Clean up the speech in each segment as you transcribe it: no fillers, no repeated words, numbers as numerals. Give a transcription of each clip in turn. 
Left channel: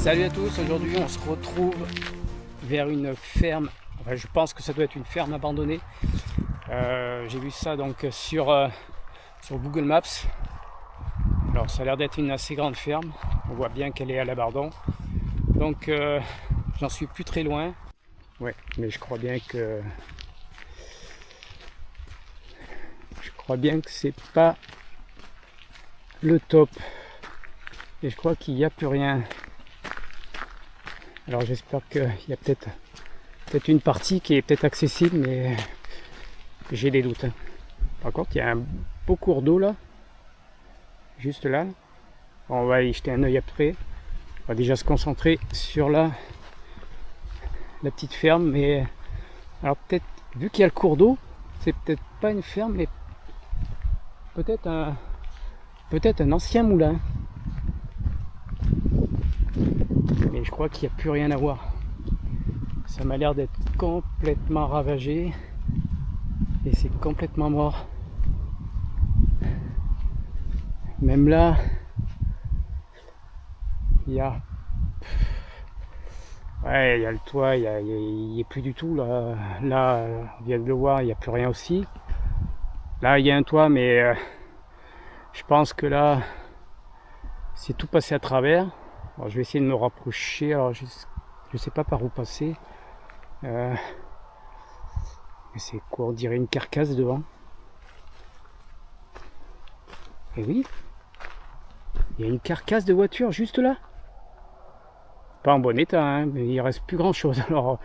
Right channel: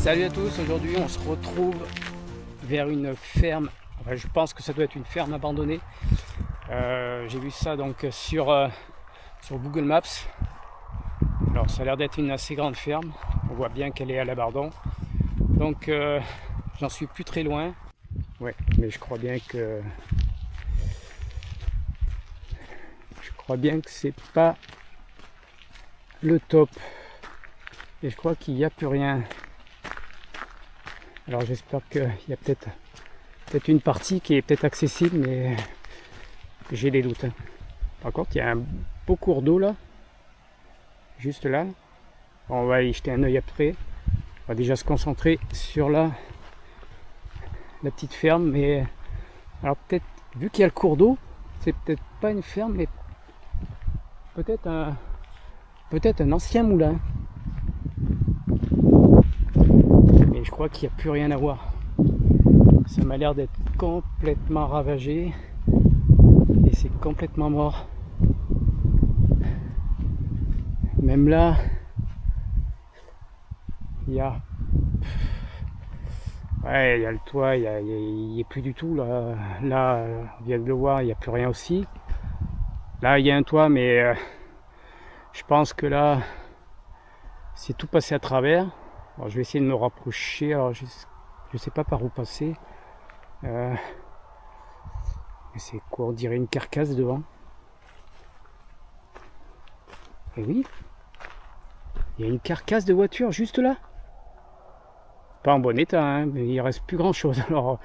Salut à tous, aujourd'hui on se retrouve vers une ferme, enfin je pense que ça doit être une ferme abandonnée. J'ai vu ça donc sur Google Maps. Alors ça a l'air d'être une assez grande ferme, on voit bien qu'elle est à l'abandon. Donc j'en suis plus très loin. Ouais, mais je crois bien que c'est pas le top. Et je crois qu'il n'y a plus rien. Alors j'espère qu'il y a peut-être une partie qui est peut-être accessible, mais j'ai des doutes. Par contre, il y a un beau cours d'eau là, juste là. On va y jeter un œil après. On va déjà se concentrer sur la petite ferme. Mais alors peut-être, vu qu'il y a le cours d'eau, c'est peut-être pas une ferme, mais peut-être un ancien moulin. Mais je crois qu'il n'y a plus rien à voir. Ça m'a l'air d'être complètement ravagé et c'est complètement mort. Même là, il y a le toit, il n'y est plus du tout là. Là, on vient de le voir, il n'y a plus rien aussi. Là, il y a un toit, mais je pense que là, c'est tout passé à travers. Alors, je vais essayer de me rapprocher. Alors, je sais pas par où passer. Mais c'est quoi? On dirait une carcasse devant. Et oui, il y a une carcasse de voiture juste là. Pas en bon état, hein, mais il reste plus grand chose. Alors,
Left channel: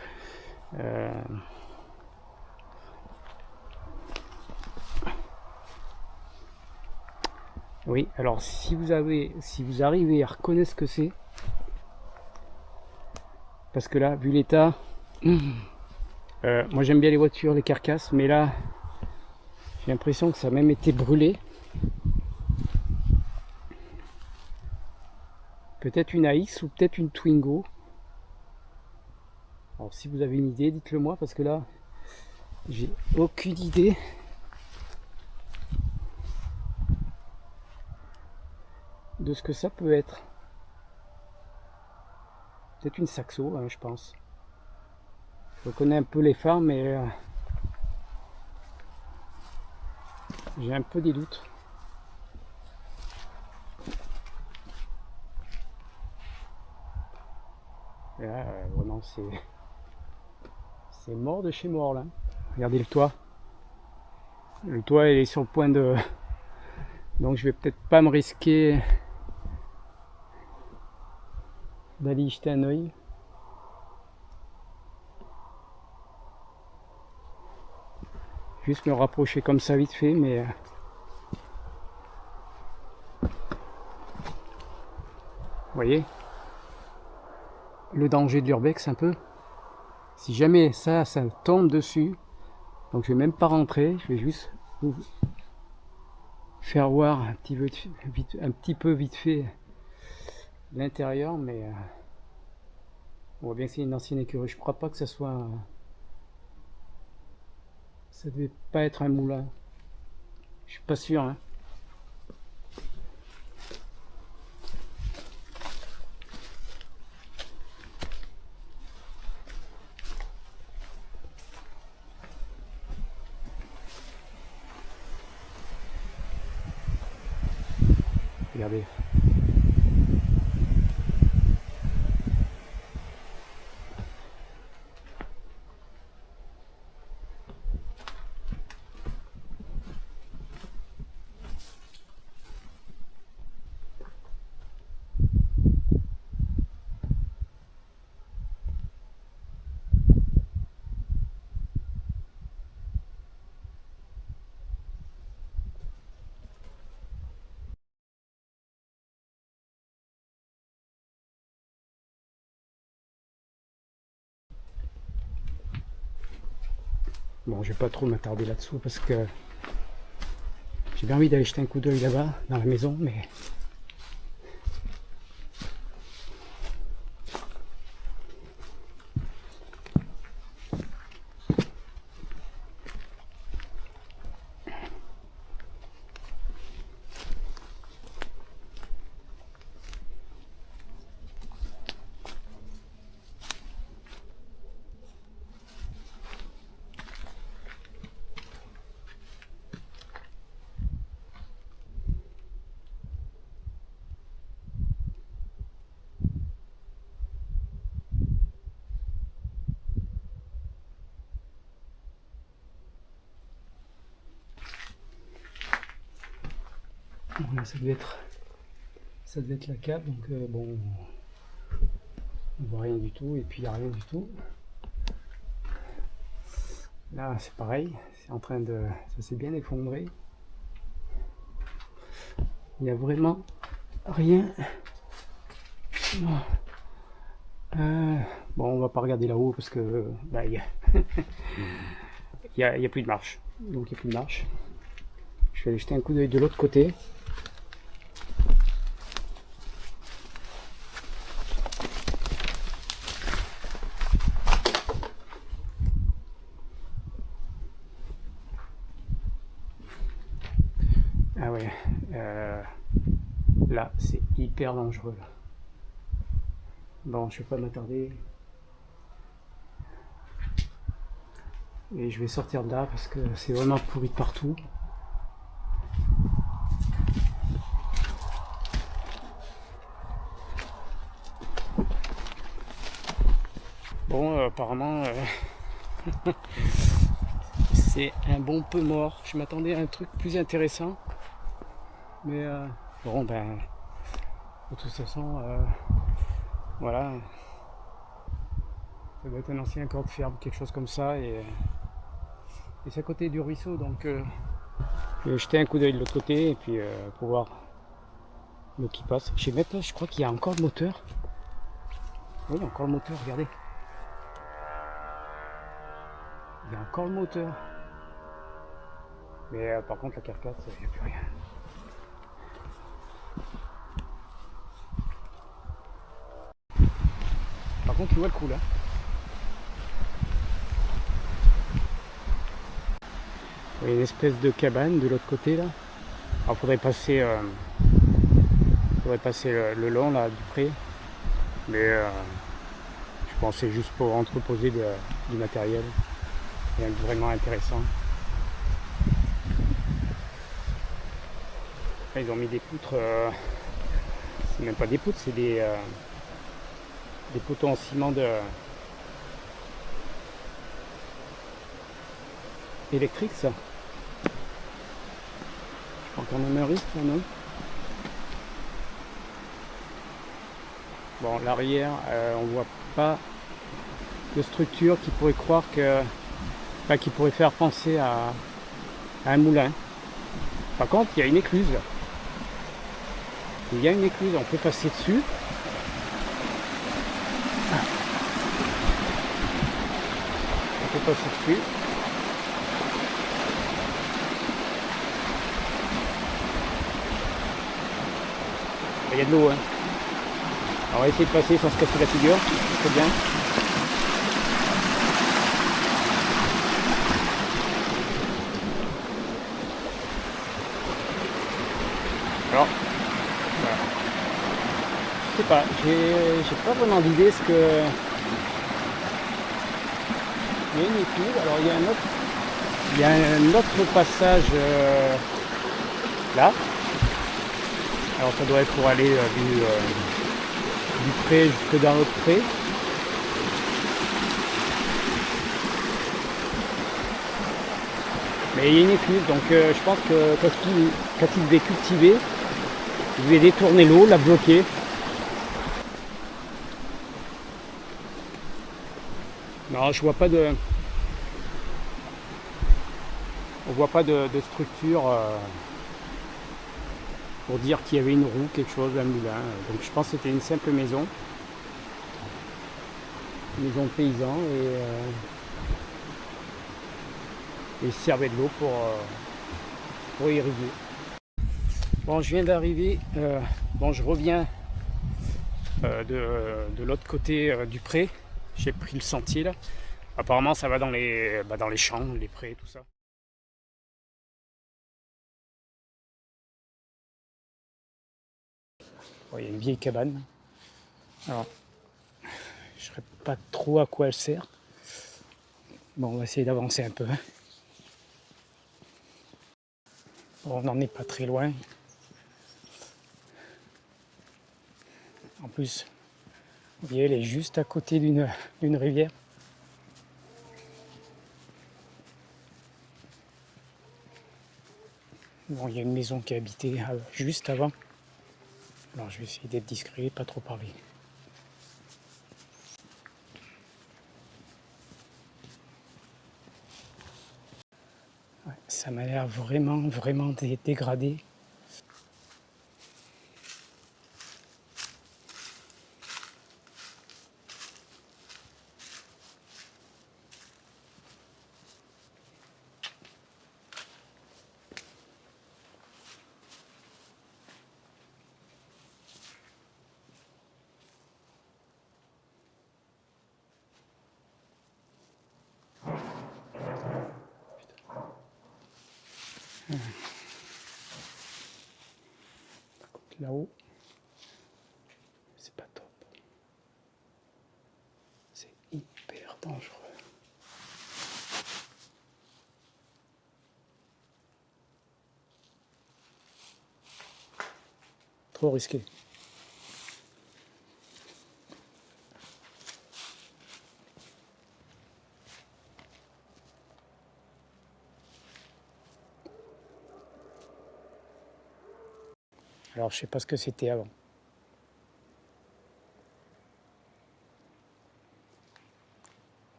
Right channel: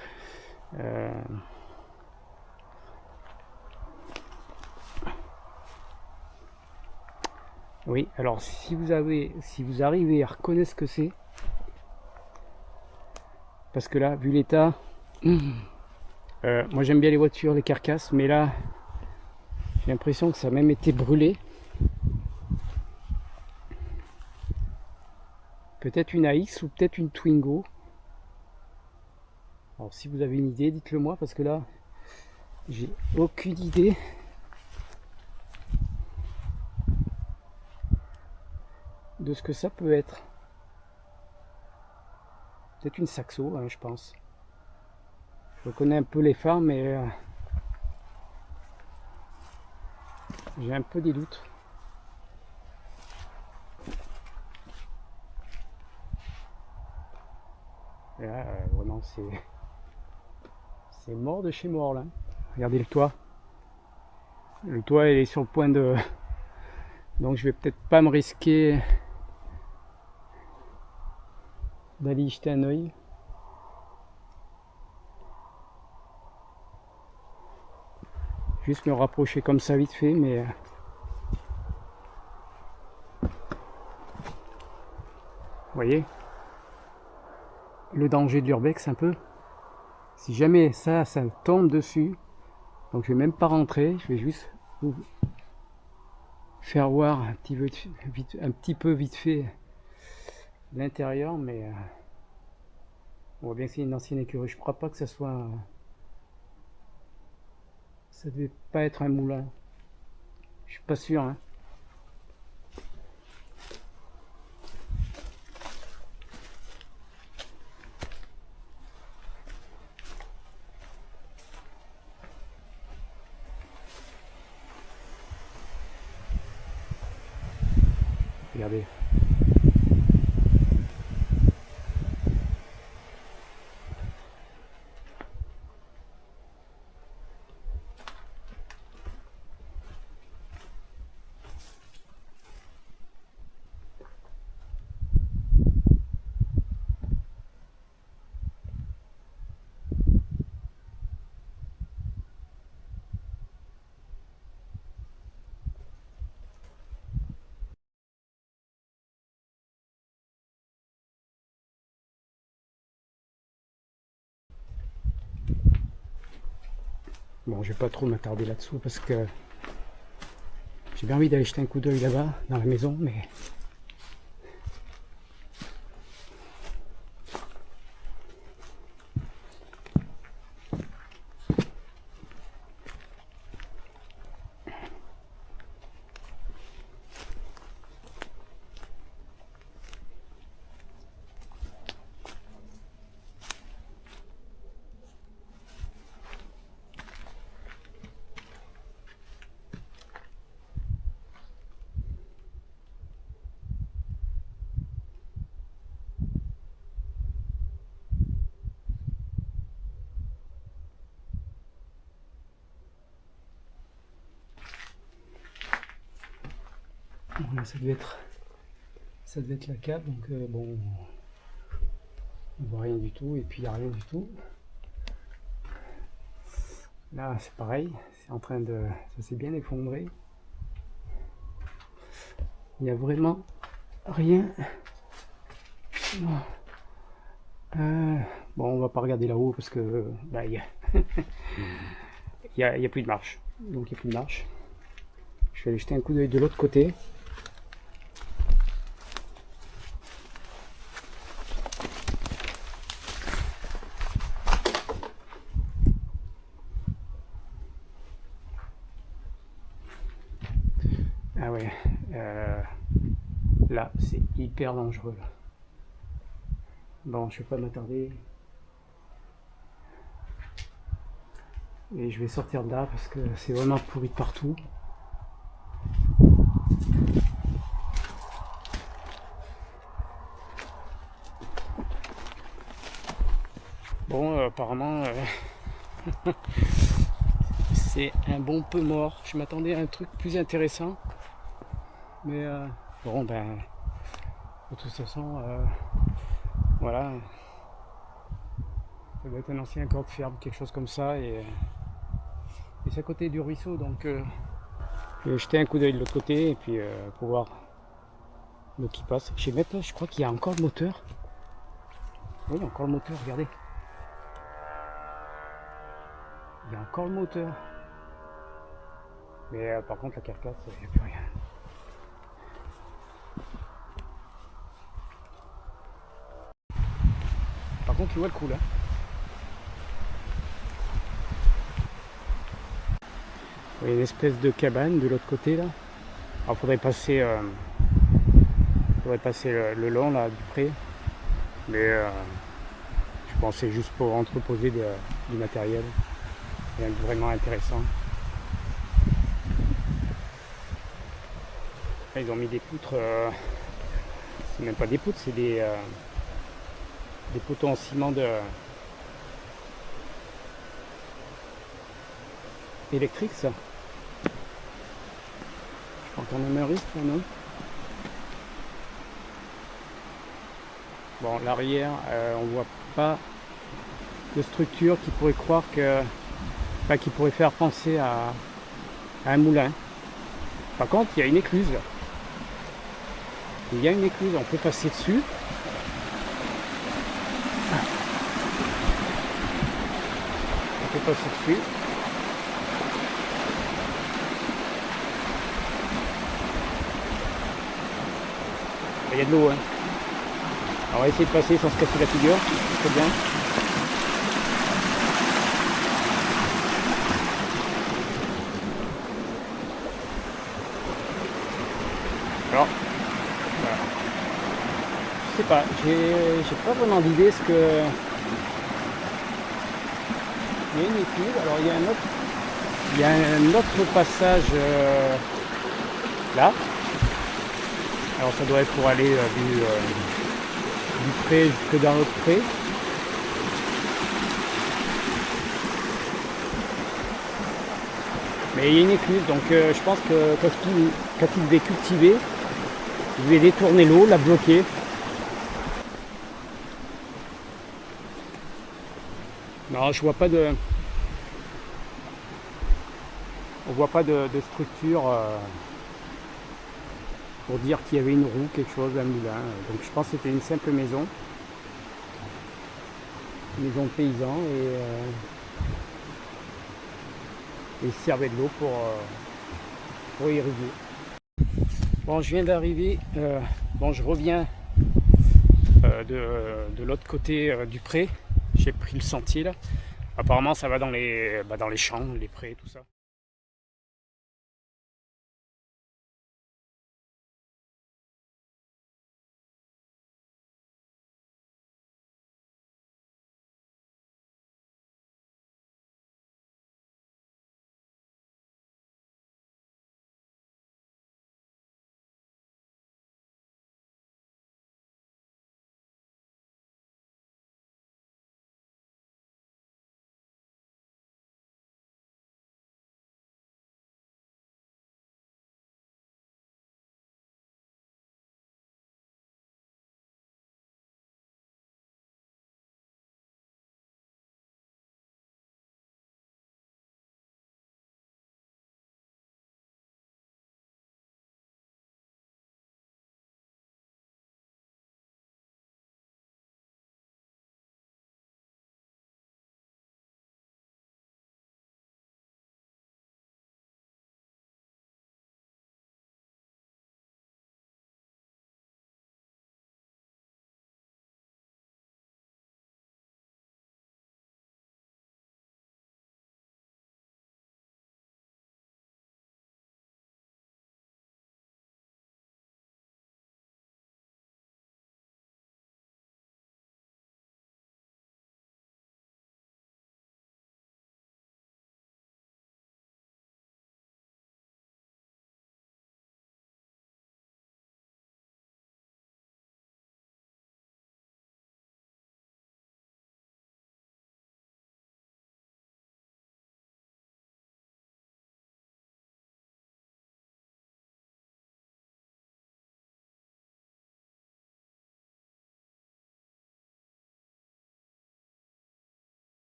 oui. Alors, si vous arrivez à reconnaître ce que c'est, parce que là, vu l'état, moi j'aime bien les voitures, les carcasses, mais là, j'ai l'impression que ça a même été brûlé. Peut-être une AX ou peut-être une Twingo. Alors si vous avez une idée, dites-le moi, parce que là, j'ai aucune idée de ce que ça peut être. Peut-être une Saxo, hein, je pense. Je connais un peu les phares, mais j'ai un peu des doutes. Et là, vraiment, c'est mort de chez mort, là. Regardez le toit. Le toit est sur le point de... Donc je vais peut-être pas me risquer d'aller y jeter un oeil. Juste me rapprocher comme ça vite fait, mais... Vous voyez le danger de l'urbex un peu. Si jamais ça tombe dessus, donc je vais même pas rentrer, je vais juste vous faire voir un petit peu vite fait l'intérieur, mais on voit bien que c'est une ancienne écurie. Je crois pas que ça soit... Ça devait pas être un moulin. Je suis pas sûr, hein. Regardez. Bon, je vais pas trop m'attarder là-dessous parce que j'ai bien envie d'aller jeter un coup d'œil là-bas, dans la maison, mais... Bon, là, ça devait être la cave, donc bon, on voit rien du tout, et puis il n'y a rien du tout. Là, c'est pareil, c'est en train de, ça s'est bien effondré. Il n'y a vraiment rien. Bon, on va pas regarder là-haut parce que bah, il y a plus de marche. Donc il n'y a plus de marche. Je vais aller jeter un coup d'œil de l'autre côté. Ah ouais, là c'est hyper dangereux. Là. Bon, je vais pas m'attarder. Et je vais sortir de là parce que c'est vraiment pourri de partout. Bon, apparemment, c'est un bon peu mort. Je m'attendais à un truc plus intéressant. Mais bon, ben, de toute façon, voilà. Ça doit être un ancien corps de ferme, quelque chose comme ça. Et c'est à côté du ruisseau, donc je vais jeter un coup d'œil de l'autre côté et puis pour voir l'eau qui passe. Je vais mettre là, je crois qu'il y a encore le moteur. Oui, il y a encore le moteur, regardez. Il y a encore le moteur. Mais par contre, la carcasse, il n'y a plus rien. Par contre, il voit le coup là. Il y a une espèce de cabane de l'autre côté là. Alors, faudrait passer le long là du pré. Mais je pense que c'est juste pour entreposer du matériel. Rien de vraiment intéressant. Là, ils ont mis des poutres. C'est même pas des poutres, c'est des poteaux en ciment électrique ça. Je crois qu'on en a un risque là, non? Bon, l'arrière, on voit pas de structure qui pourrait croire que. Enfin, qui pourrait faire penser à un moulin. Par contre, il y a une écluse. Il y a une écluse, on peut passer dessus. On peut passer dessus. Il y a de l'eau. Hein. Alors, on va essayer de passer sans se casser la figure. C'est bien. Alors, voilà. Je sais pas, j'ai pas vraiment d'idée ce que. Il y a une écluse, alors il y a un autre passage là. Alors ça doit être pour aller du pré jusque dans l'autre pré. Mais il y a une écluse, donc je pense que quand il devait cultiver, il devait détourner l'eau, la bloquer. Non, je vois pas de. On voit pas de structure pour dire qu'il y avait une roue, quelque chose, un moulin. Donc je pense que c'était une simple maison. Une maison de paysans et ils servaient de l'eau pour irriguer. Bon, je viens d'arriver. Bon, je reviens de l'autre côté du pré. J'ai pris le sentier là. Apparemment, ça va dans les champs, les prés, tout ça. Bon, il y a une vieille cabane. Alors, je ne saurais pas trop à quoi elle sert. Bon, on va essayer d'avancer un peu. Bon, on n'en est pas très loin. En plus, vous voyez, elle est juste à côté d'une rivière. Bon, il y a une maison qui est habitée juste avant. Alors je vais essayer d'être discret, pas trop parler. Ouais, ça m'a l'air vraiment dégradé. Là-haut, c'est pas top. C'est hyper dangereux. Trop risqué. Alors je sais pas ce que c'était avant.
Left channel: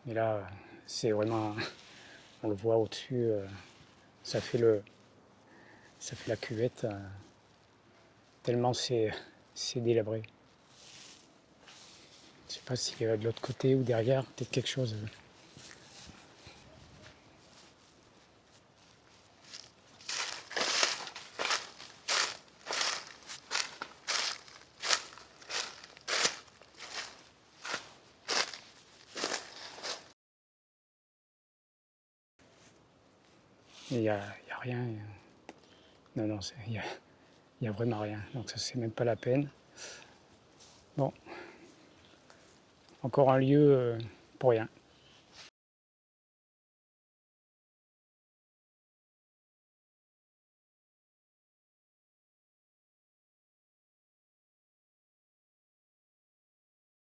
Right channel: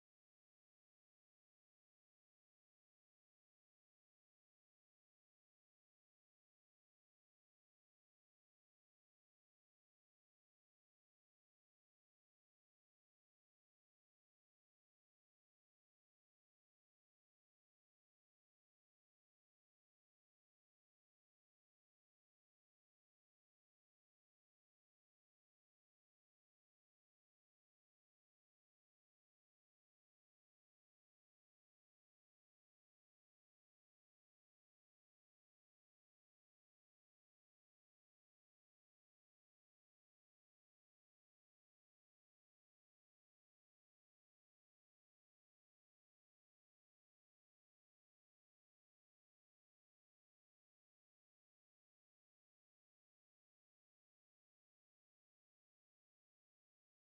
Mais là, c'est vraiment, on le voit au-dessus, ça fait la cuvette, tellement c'est délabré. Je sais pas s'il y a de l'autre côté ou derrière, peut-être quelque chose. Il n'y a rien. Non, il y a vraiment rien. Donc ça, c'est même pas la peine. Bon, encore un lieu pour rien.